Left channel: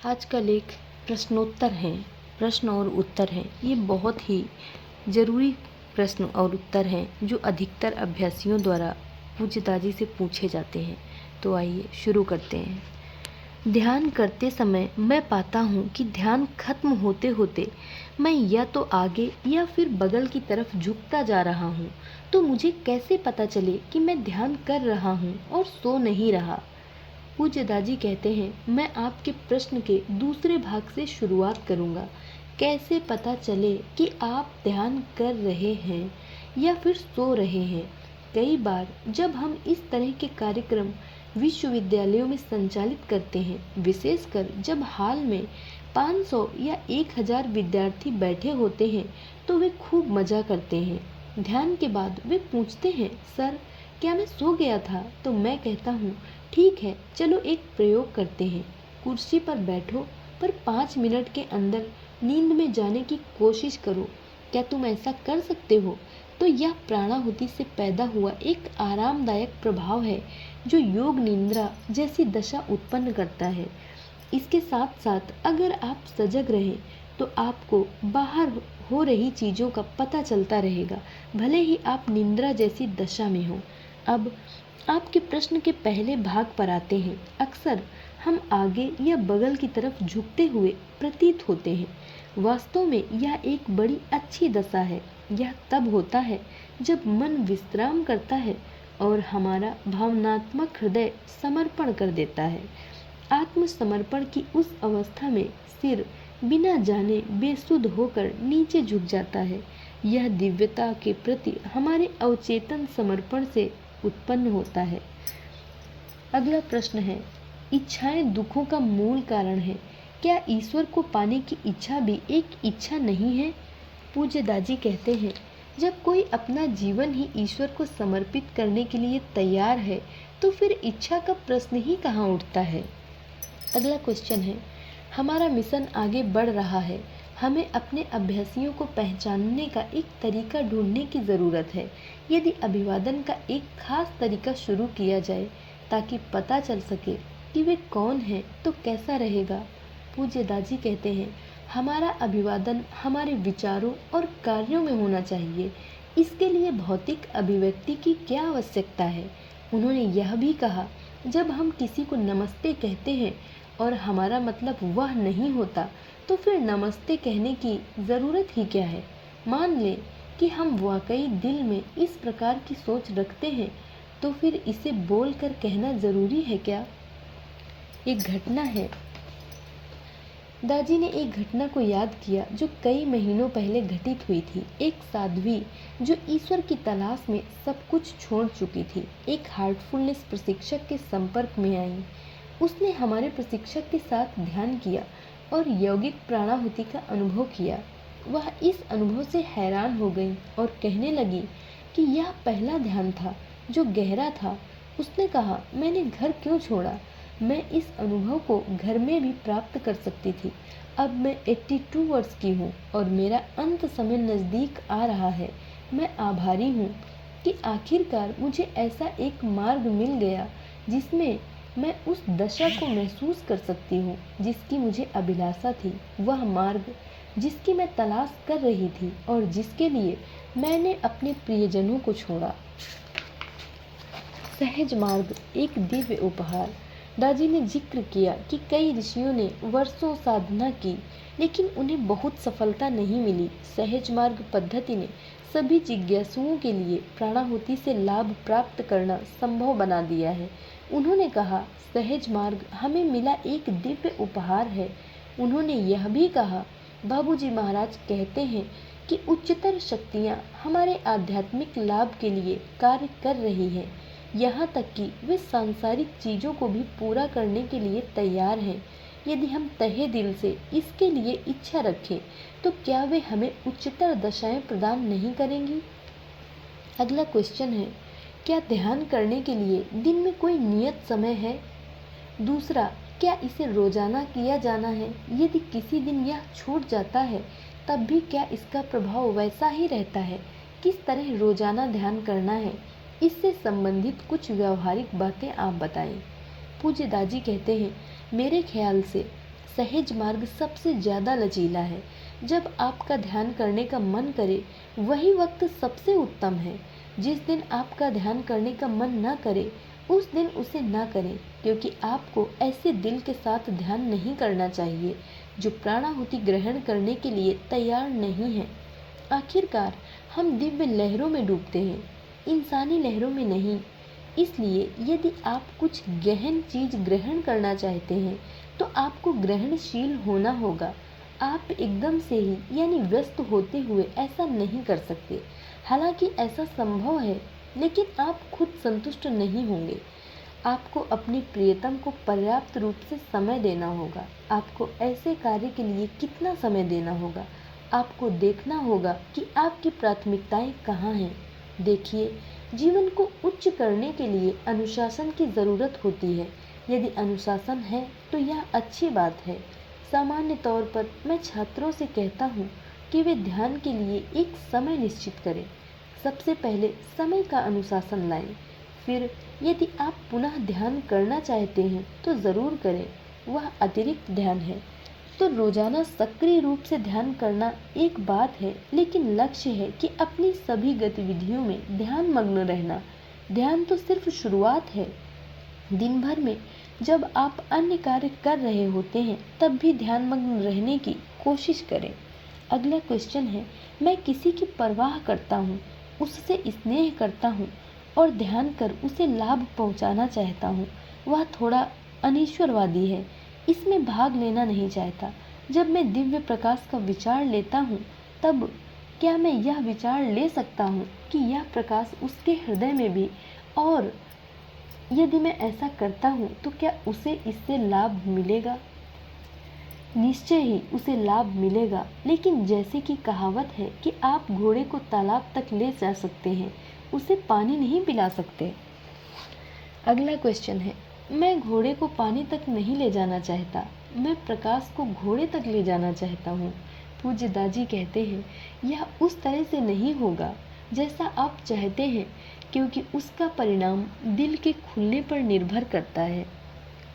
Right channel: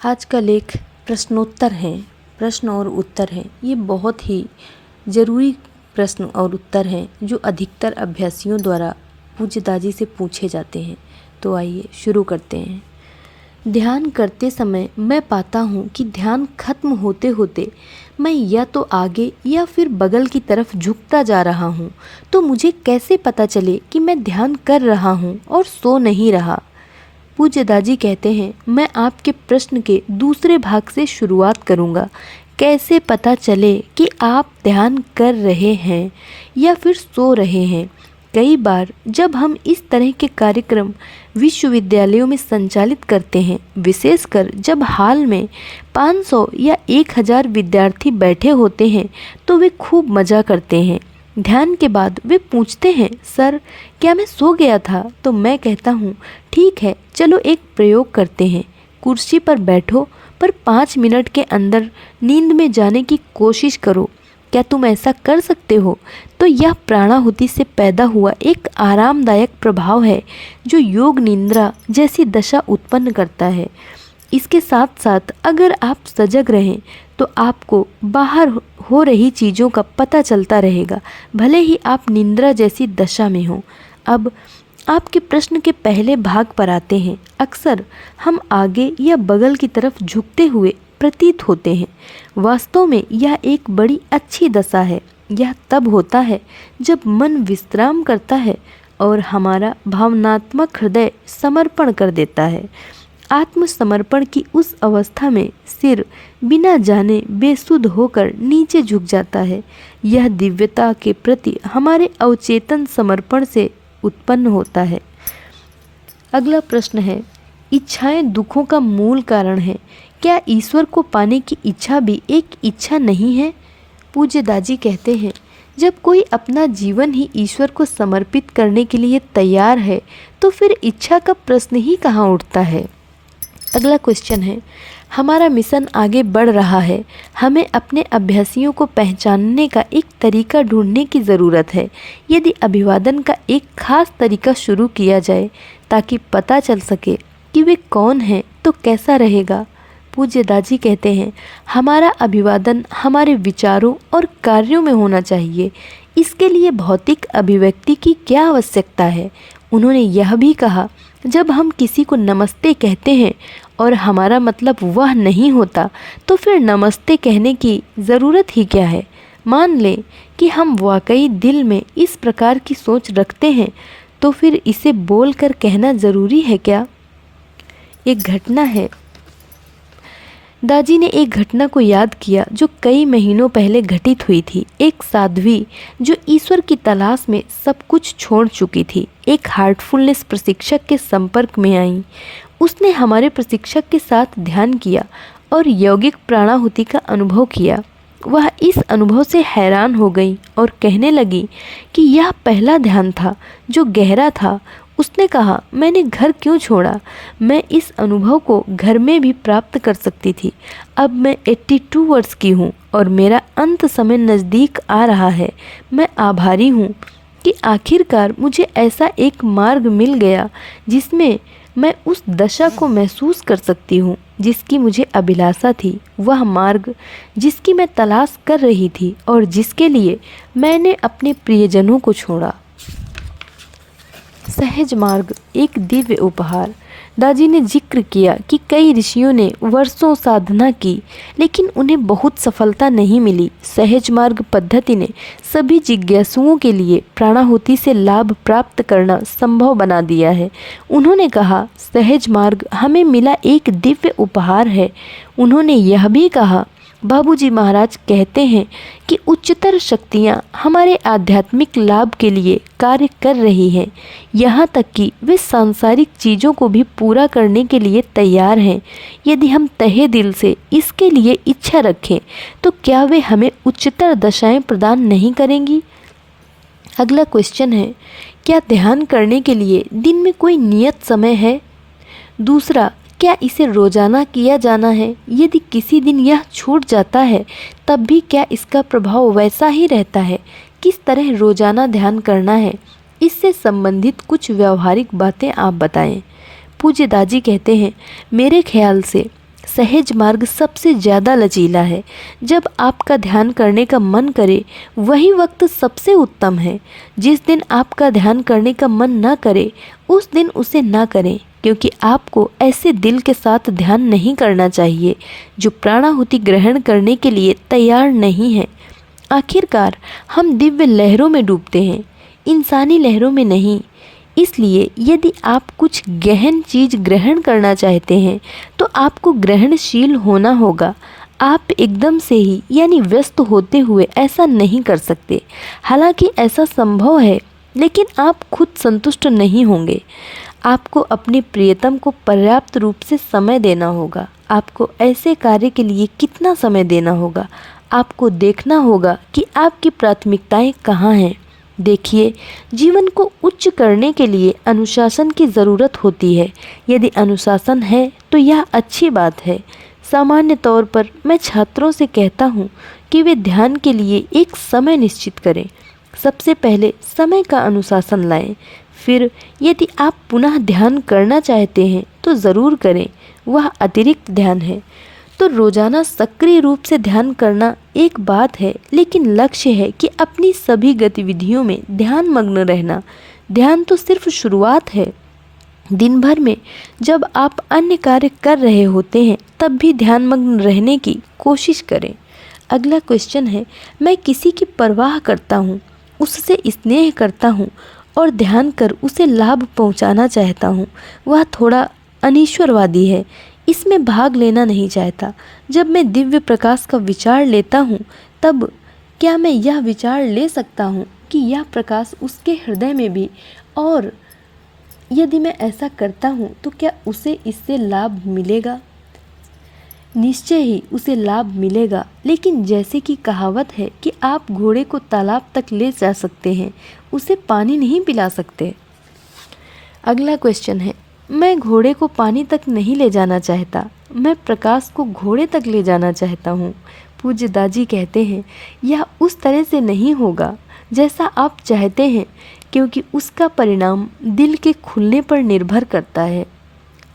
आज का लेख प्रश्नोत्तर है, प्रश्न और उत्तर है। ये बहुत ही ज़रूरी प्रश्न और उत्तर हैं जो अधिकतर अभ्यासियों द्वारा पूज्य दादी से पूछे जाते हैं। तो आइए शुरू करते हैं। ध्यान करते समय मैं पाता हूँ कि ध्यान खत्म होते होते मैं या तो आगे या फिर बगल की तरफ झुकता जा रहा हूँ। तो मुझे कैसे पता चले कि मैं ध्यान कर रहा हूँ और सो नहीं रहा? पूज्य दादी कहते हैं, मैं आपके प्रश्न के दूसरे भाग से शुरुआत करूंगा। कैसे पता चले कि आप ध्यान कर रहे हैं या फिर सो रहे हैं? कई बार जब हम इस तरह के कार्यक्रम विश्वविद्यालयों में संचालित करते हैं, विशेषकर जब हाल में 500 या 1000 विद्यार्थी बैठे होते हैं, तो वे खूब मज़ा करते हैं। ध्यान के बाद वे पूछते हैं, सर क्या मैं सो गया था? तो मैं कहता हूँ, ठीक है, चलो एक प्रयोग करते हैं। कुर्सी पर बैठो, पर 5 मिनट के अंदर नींद में जाने की कोशिश करो। क्या तुम ऐसा कर सकते हो? तो यह प्राणाहुति से पैदा हुआ एक आरामदायक प्रभाव है जो योग निद्रा जैसी दशा उत्पन्न करता है। इसके साथ साथ अगर आप सजग रहें तो आपको बाहर हो रही चीज़ों का पता चलता रहेगा, भले ही आप निद्रा जैसी दशा में हो। अब आपके प्रश्न के पहले भाग पर आते हैं। अक्सर हम आगे या बगल की तरफ झुकते हुए प्रतीत होते हैं। वास्तव में यह एक बड़ी अच्छी दशा है। यह तब होता है जब मन विश्राम करता है और हमारा भावनात्मक हृदय समर्पण कर देता है। आत्मसमर्पण की उस अवस्था में सिर बिना जाने बेसुध होकर नीचे झुक जाता है। यह दिव्यता के प्रति हमारे अवचेतन समर्पण से उत्पन्न होता है। अगला प्रश्न है, इच्छाएं दुखों का मूल कारण है। क्या ईश्वर को पाने की इच्छा भी एक इच्छा नहीं है? पूज्य दादी कहते हैं, जब कोई अपना जीवन ही ईश्वर को समर्पित करने के लिए तैयार है तो फिर इच्छा का प्रश्न ही कहाँ उठता है। अगला क्वेश्चन है, हमारा मिशन आगे बढ़ रहा है। हमें अपने अभ्यासियों को पहचानने का एक तरीका ढूंढने की ज़रूरत है। यदि अभिवादन का एक खास तरीका शुरू किया जाए ताकि पता चल सके कि वे कौन हैं, तो कैसा रहेगा? पूज्य दादी कहते हैं, हमारा अभिवादन हमारे विचारों और कार्यों में होना चाहिए। इसके लिए भौतिक अभिव्यक्ति की क्या आवश्यकता है? उन्होंने यह भी कहा, जब हम किसी को नमस्ते कहते हैं और हमारा मतलब वह नहीं होता, तो फिर नमस्ते कहने की ज़रूरत ही क्या है? मान लें कि हम वाकई दिल में इस प्रकार की सोच रखते हैं, तो फिर इसे बोलकर कहना ज़रूरी है क्या? एक घटना है। दादी ने एक घटना को याद किया जो कई महीनों पहले घटित हुई थी। एक साध्वी जो ईश्वर की तलाश में सब कुछ छोड़ चुकी थी, एक हार्टफुलनेस प्रशिक्षक के संपर्क में आई। उसने हमारे प्रशिक्षक के साथ ध्यान किया और यौगिक प्राणाहुति का अनुभव किया। वह इस अनुभव से हैरान हो गई और कहने लगी कि यह पहला ध्यान था जो गहरा था। उसने कहा, मैंने घर क्यों छोड़ा? मैं इस अनुभव को घर में भी प्राप्त कर सकती थी। अब मैं 82 वर्ष की हूँ और मेरा अंत समय नज़दीक आ रहा है। मैं आभारी हूँ कि आखिरकार मुझे ऐसा एक मार्ग मिल गया जिसमें मैं उस दशा को महसूस कर सकती हूँ जिसकी मुझे अभिलाषा थी। वह मार्ग जिसकी मैं तलाश कर रही थी और जिसके लिए मैंने अपने प्रियजनों को छोड़ा। सहज मार्ग एक दिव्य उपहार। दादी ने जिक्र किया कि कई ऋषियों ने वर्षों साधना की, लेकिन उन्हें बहुत सफलता नहीं मिली। सहज मार्ग पद्धति ने सभी जिज्ञासुओं के लिए प्राणाहुति से लाभ प्राप्त करना संभव बना दिया है। उन्होंने कहा, सहज मार्ग हमें मिला एक दिव्य उपहार है। उन्होंने यह भी कहा, बाबूजी महाराज कहते हैं कि उच्चतर शक्तियाँ हमारे आध्यात्मिक लाभ के लिए कार्य कर रही हैं, यहाँ तक कि वे सांसारिक चीज़ों को भी पूरा करने के लिए तैयार हैं। यदि हम तहे दिल से इसके लिए इच्छा रखें तो क्या वे हमें उच्चतर दशाएं प्रदान नहीं करेंगी? अगला क्वेश्चन है, क्या ध्यान करने के लिए दिन में कोई नियत समय है? दूसरा, क्या इसे रोजाना किया जाना है? यदि किसी दिन यह छूट जाता है तब भी क्या इसका प्रभाव वैसा ही रहता है? किस तरह रोजाना ध्यान करना है? इससे संबंधित कुछ व्यवहारिक बातें आप बताएं। पूज्य दादी कहते हैं, मेरे ख्याल से सहज मार्ग सबसे ज़्यादा लचीला है। जब आपका ध्यान करने का मन करे वही वक्त सबसे उत्तम है। जिस दिन आपका ध्यान करने का मन ना करे उस दिन उसे ना करें, क्योंकि आपको ऐसे दिल के साथ ध्यान नहीं करना चाहिए जो प्राणाहुति ग्रहण करने के लिए तैयार नहीं है। आखिरकार हम दिव्य लहरों में डूबते हैं, इंसानी लहरों में नहीं। इसलिए यदि आप कुछ गहन चीज़ ग्रहण करना चाहते हैं तो आपको ग्रहणशील होना होगा। आप एकदम से ही यानी व्यस्त होते हुए ऐसा नहीं कर सकते। हालांकि ऐसा संभव है, लेकिन आप खुद संतुष्ट नहीं होंगे। आपको अपने प्रियतम को पर्याप्त रूप से समय देना होगा। आपको ऐसे कार्य के लिए कितना समय देना होगा? आपको देखना होगा कि आपकी प्राथमिकताएं कहाँ हैं। देखिए, जीवन को उच्च करने के लिए अनुशासन की ज़रूरत होती है। यदि अनुशासन है तो यह अच्छी बात है। सामान्य तौर पर मैं छात्रों से कहता हूँ कि वे ध्यान के लिए एक समय निश्चित करें। सबसे पहले समय का अनुशासन लाएं। फिर यदि आप पुनः ध्यान करना चाहते हैं तो ज़रूर करें, वह अतिरिक्त ध्यान है। तो रोज़ाना सक्रिय रूप से ध्यान करना एक बात है, लेकिन लक्ष्य है कि अपनी सभी गतिविधियों में ध्यान मग्न रहना। ध्यान तो सिर्फ शुरुआत है। दिन भर में जब आप अन्य कार्य कर रहे होते हैं तब भी ध्यान मग्न रहने की कोशिश करें। अगला क्वेश्चन है, मैं किसी की परवाह करता हूँ, उससे स्नेह करता हूँ और ध्यान कर उसे लाभ पहुँचाना चाहता हूँ। वह थोड़ा अनीश्वरवादी है, इसमें भाग लेना नहीं चाहता। जब मैं दिव्य प्रकाश का विचार लेता हूँ तब क्या मैं यह विचार ले सकता हूँ कि यह प्रकाश उसके हृदय में भी, और यदि मैं ऐसा करता हूँ तो क्या उसे इससे लाभ मिलेगा? निश्चय ही उसे लाभ मिलेगा, लेकिन जैसे कि कहावत है कि आप घोड़े को तालाब तक ले जा सकते हैं, उसे पानी नहीं पिला सकते। अगला क्वेश्चन है, मैं घोड़े को पानी तक नहीं ले जाना चाहता, मैं प्रकाश को घोड़े तक ले जाना चाहता हूँ। पूज्य दाजी कहते हैं, यह उस तरह से नहीं होगा जैसा आप चाहते हैं, क्योंकि उसका परिणाम दिल के खुलने पर निर्भर करता है।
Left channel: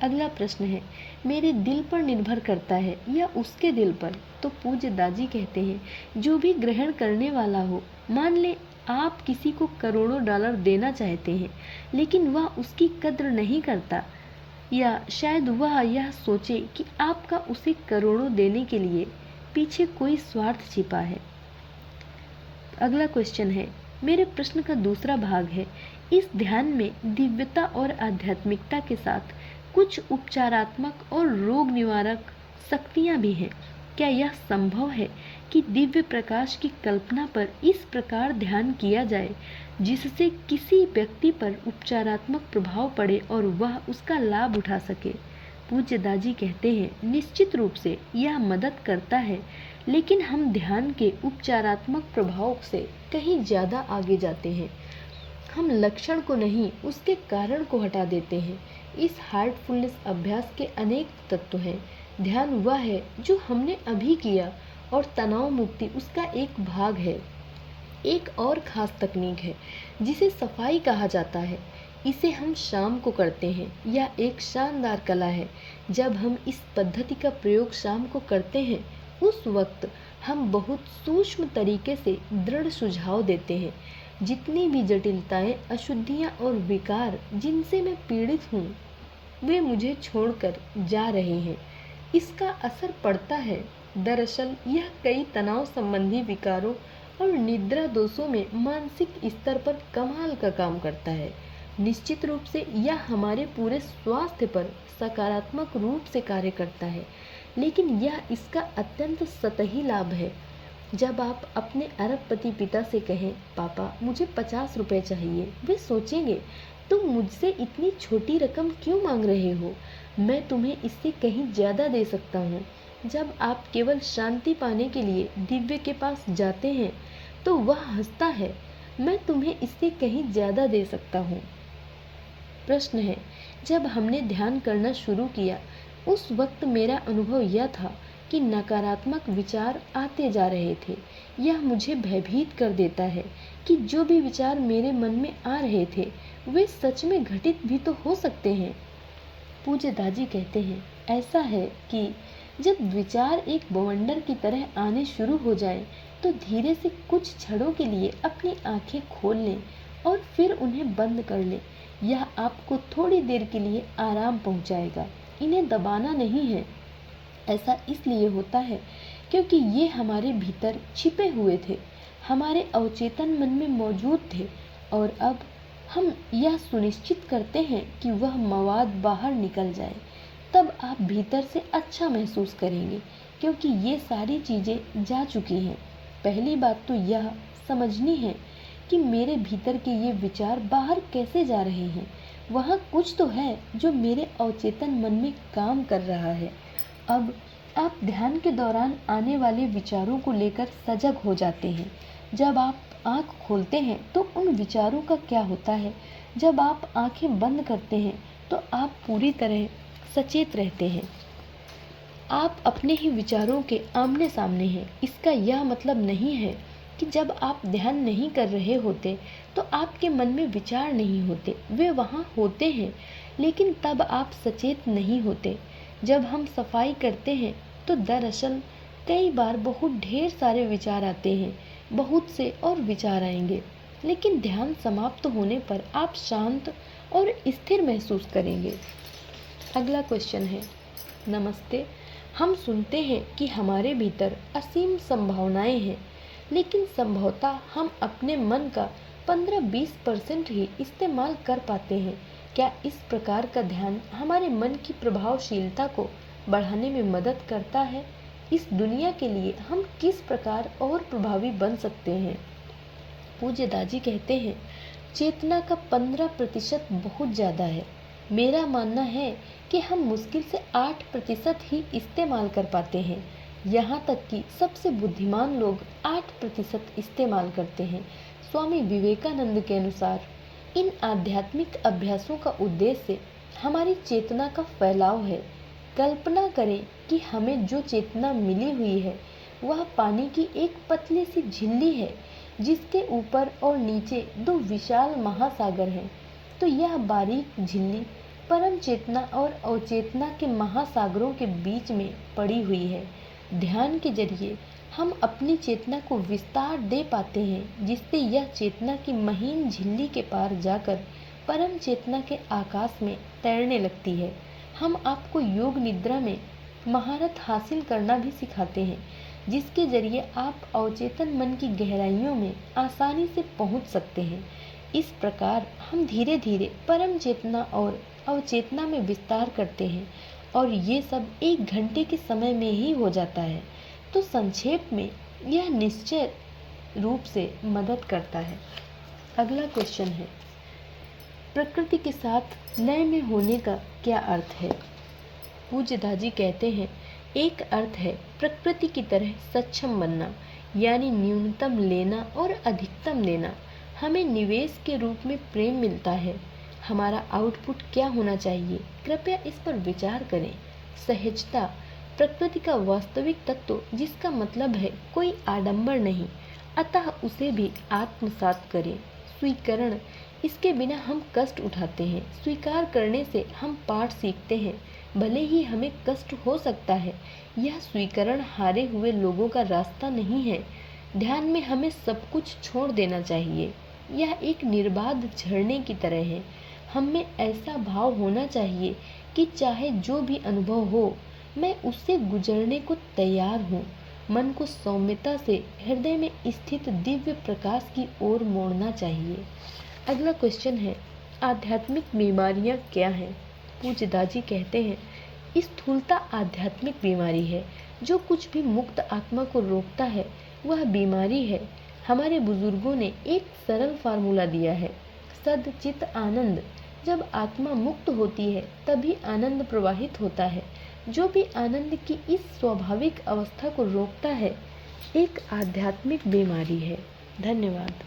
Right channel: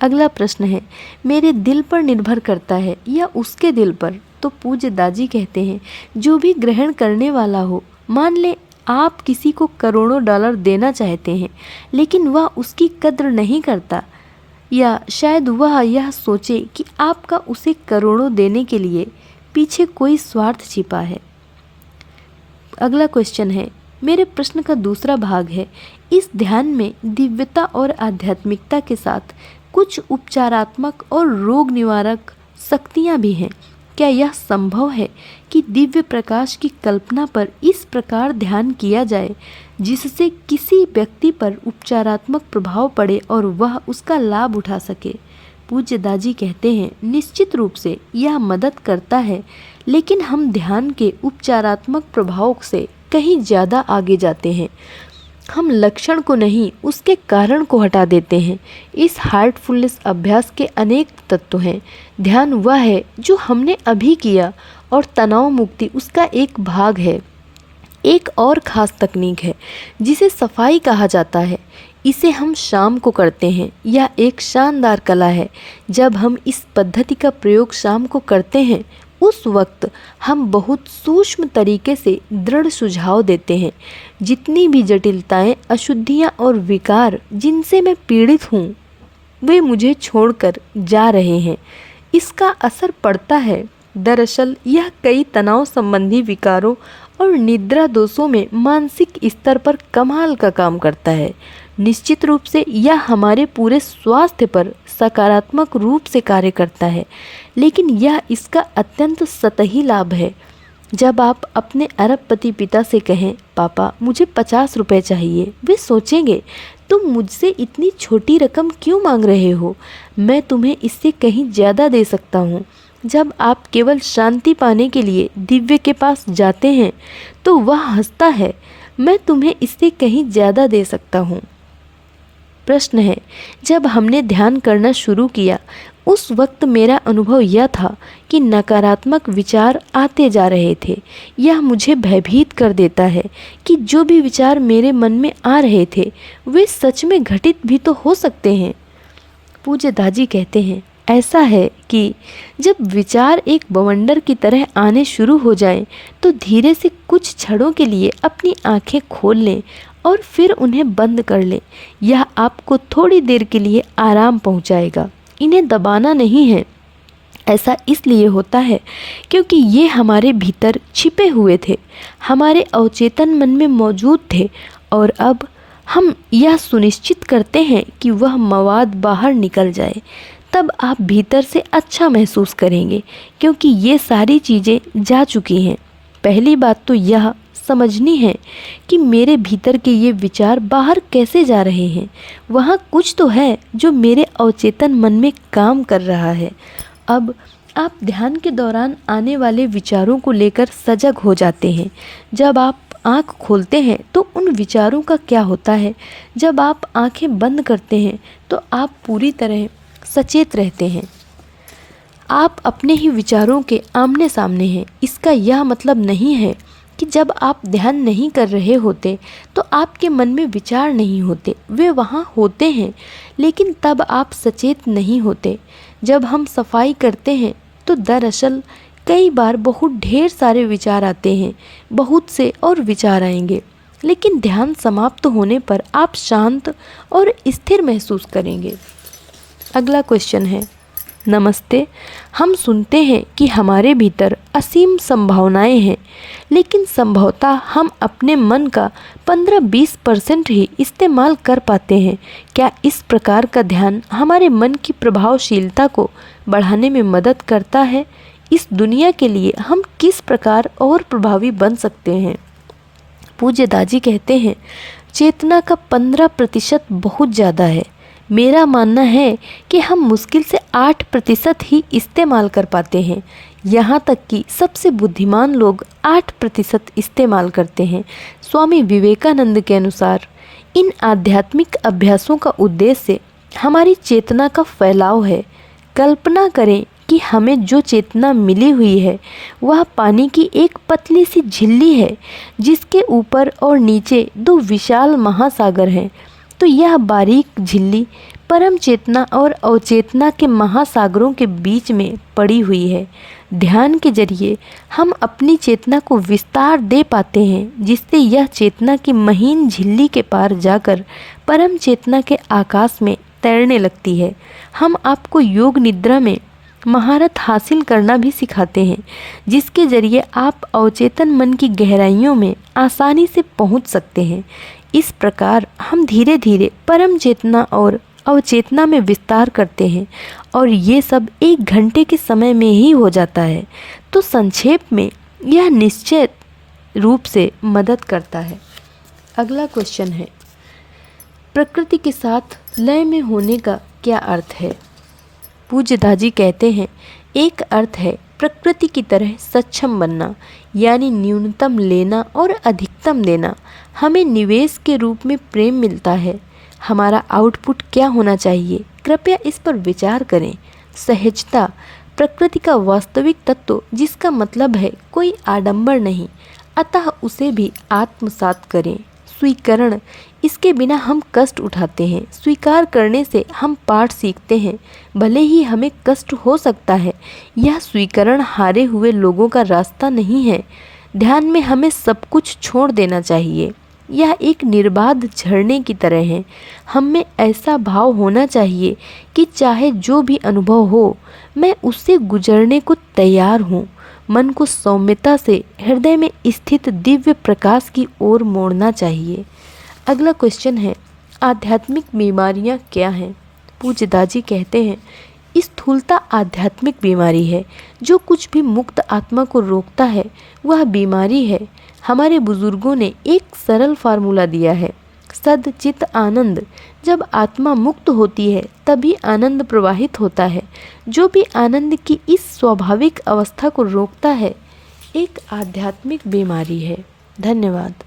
अगला प्रश्न है, मेरे दिल पर निर्भर करता है या उसके दिल पर? तो पूज्य दाजी कहते हैं, जो भी ग्रहण करने वाला हो, मान ले आप किसी को करोड़ों डॉलर देना चाहते हैं लेकिन वह उसकी कद्र नहीं करता, या शायद वह यह सोचे कि आपका उसे करोड़ों देने के लिए पीछे कोई स्वार्थ छिपा है। अगला क्वेश्चन है, मेरे प्रश्न का दूसरा भाग है, इस ध्यान में दिव्यता और आध्यात्मिकता के साथ कुछ उपचारात्मक और रोग निवारक शक्तियाँ भी हैं। क्या यह संभव है कि दिव्य प्रकाश की कल्पना पर इस प्रकार ध्यान किया जाए जिससे किसी व्यक्ति पर उपचारात्मक प्रभाव पड़े और वह उसका लाभ उठा सके? पूज्य दाजी कहते हैं, निश्चित रूप से यह मदद करता है, लेकिन हम ध्यान के उपचारात्मक प्रभाव से कहीं ज़्यादा आगे जाते हैं। हम लक्षण को नहीं, उसके कारण को हटा देते हैं। इस हार्टफुलनेस अभ्यास के अनेक तत्व हैं। ध्यान वह है जो हमने अभी किया और तनाव मुक्ति उसका एक भाग है। एक और ख़ास तकनीक है जिसे सफाई कहा जाता है। इसे हम शाम को करते हैं। यह एक शानदार कला है। जब हम इस पद्धति का प्रयोग शाम को करते हैं उस वक्त हम बहुत सूक्ष्म तरीके से दृढ़ सुझाव देते हैं। जितनी भी जटिलताएं, अशुद्धियां और विकार जिनसे मैं पीड़ित हूँ वे मुझे छोड़कर जा रहे हैं। इसका असर पड़ता है। दरअसल यह कई तनाव संबंधी विकारों और निद्रा दोषों में मानसिक स्तर पर कमाल का काम करता है। निश्चित रूप से यह हमारे पूरे स्वास्थ्य पर सकारात्मक रूप से कार्य करता है, लेकिन यह इसका अत्यंत सतही लाभ है। जब आप अपने अरबपति पिता से कहें, पापा मुझे 50 रुपए चाहिए, वे सोचेंगे तुम मुझसे इतनी छोटी रकम क्यों मांग रहे हो, मैं तुम्हें इससे कहीं ज़्यादा दे सकता हूँ। जब आप केवल शांति पाने के लिए दिव्य के पास जाते हैं तो वह हंसता है, मैं तुम्हें इससे कहीं ज़्यादा दे सकता हूँ। प्रश्न है, जब हमने ध्यान करना शुरू किया उस वक्त मेरा अनुभव यह था कि नकारात्मक विचार आते जा रहे थे। यह मुझे भयभीत कर देता है कि जो भी विचार मेरे मन में आ रहे थे वे सच में घटित भी तो हो सकते हैं। पूज्य दाजी कहते हैं, ऐसा है कि जब विचार एक बवंडर की तरह आने शुरू हो जाएं, तो धीरे से कुछ क्षणों के लिए अपनी आंखें खोल लें और फिर उन्हें बंद कर लें। यह आपको थोड़ी देर के लिए आराम पहुंचाएगा। इन्हें दबाना नहीं है। ऐसा इसलिए होता है क्योंकि ये हमारे भीतर छिपे हुए थे, हमारे अवचेतन मन में मौजूद थे, और अब हम यह सुनिश्चित करते हैं कि वह मवाद बाहर निकल जाए। तब आप भीतर से अच्छा महसूस करेंगे क्योंकि ये सारी चीज़ें जा चुकी हैं। पहली बात तो यह समझनी है कि मेरे भीतर के ये विचार बाहर कैसे जा रहे हैं। वहाँ कुछ तो है जो मेरे अवचेतन मन में काम कर रहा है। अब आप ध्यान के दौरान आने वाले विचारों को लेकर सजग हो जाते हैं। जब आप आँख खोलते हैं तो उन विचारों का क्या होता है। जब आप आँखें बंद करते हैं तो आप पूरी तरह सचेत रहते हैं। आप अपने ही विचारों के आमने सामने हैं। इसका यह मतलब नहीं है कि जब आप ध्यान नहीं कर रहे होते तो आपके मन में विचार नहीं होते। वे वहाँ होते हैं, लेकिन तब आप सचेत नहीं होते। जब हम सफाई करते हैं तो दरअसल कई बार बहुत ढेर सारे विचार आते हैं, बहुत से और विचार आएंगे, लेकिन ध्यान समाप्त होने पर आप शांत और स्थिर महसूस करेंगे। अगला क्वेश्चन है, नमस्ते। हम सुनते हैं कि हमारे भीतर असीम संभावनाएं हैं, लेकिन संभवतः हम अपने मन का 15-20% ही इस्तेमाल कर पाते हैं। क्या इस प्रकार का ध्यान हमारे मन की प्रभावशीलता को बढ़ाने में मदद करता है? इस दुनिया के लिए हम किस प्रकार और प्रभावी बन सकते हैं? पूज्य दाजी कहते हैं, चेतना का 15% बहुत ज़्यादा है। मेरा मानना है कि हम मुश्किल से 8% ही इस्तेमाल कर पाते हैं। यहाँ तक कि सबसे बुद्धिमान लोग 8% इस्तेमाल करते हैं। स्वामी विवेकानंद के अनुसार इन आध्यात्मिक अभ्यासों का उद्देश्य हमारी चेतना का फैलाव है। कल्पना करें कि हमें जो चेतना मिली हुई है वह पानी की एक पतली सी झिल्ली है, जिसके ऊपर और नीचे 2 विशाल महासागर हैं। तो यह बारीक झिल्ली परम चेतना और अवचेतना के महासागरों के बीच में पड़ी हुई है। ध्यान के जरिए हम अपनी चेतना को विस्तार दे पाते हैं, जिससे यह चेतना की महीन झिल्ली के पार जाकर परम चेतना के आकाश में तैरने लगती है। हम आपको योग निद्रा में महारत हासिल करना भी सिखाते हैं, जिसके जरिए आप अवचेतन मन की गहराइयों में आसानी से पहुंच सकते हैं। इस प्रकार हम धीरे धीरे परम चेतना और अवचेतना में विस्तार करते हैं, और ये सब 1 घंटे के समय में ही हो जाता है। तो संक्षेप में यह निश्चित रूप से मदद करता है। अगला क्वेश्चन है, प्रकृति के साथ लय में होने का क्या अर्थ है? पूज्य दाजी कहते हैं, एक अर्थ है प्रकृति की तरह सक्षम बनना, यानी न्यूनतम लेना और अधिकतम देना। हमें निवेश के रूप में प्रेम मिलता है। हमारा आउटपुट क्या होना चाहिए? कृपया इस पर विचार करें। सहजता प्रकृति का वास्तविक तत्व, जिसका मतलब है कोई आडंबर नहीं, अतः उसे भी आत्मसात करें। स्वीकरण, इसके बिना हम कष्ट उठाते हैं। स्वीकार करने से हम पाठ सीखते हैं, भले ही हमें कष्ट हो सकता है। यह स्वीकरण हारे हुए लोगों का रास्ता नहीं है। ध्यान में हमें सब कुछ छोड़ देना चाहिए। यह एक निर्बाध झरने की तरह है। हम में ऐसा भाव होना चाहिए कि चाहे जो भी अनुभव हो, मैं उससे गुजरने को तैयार हूँ। मन को सौम्यता से हृदय में स्थित दिव्य प्रकाश की ओर मोड़ना चाहिए। अगला क्वेश्चन है, आध्यात्मिक बीमारियाँ क्या हैं? पूज्य दाजी कहते हैं, स्थूलता आध्यात्मिक बीमारी है। जो कुछ भी मुक्त आत्मा को रोकता है वह बीमारी है। हमारे बुजुर्गों ने एक सरल फार्मूला दिया है, सद चित आनंद। जब आत्मा मुक्त होती है तभी आनंद प्रवाहित होता है। जो भी आनंद की इस स्वाभाविक अवस्था को रोकता है एक आध्यात्मिक बीमारी है। धन्यवाद।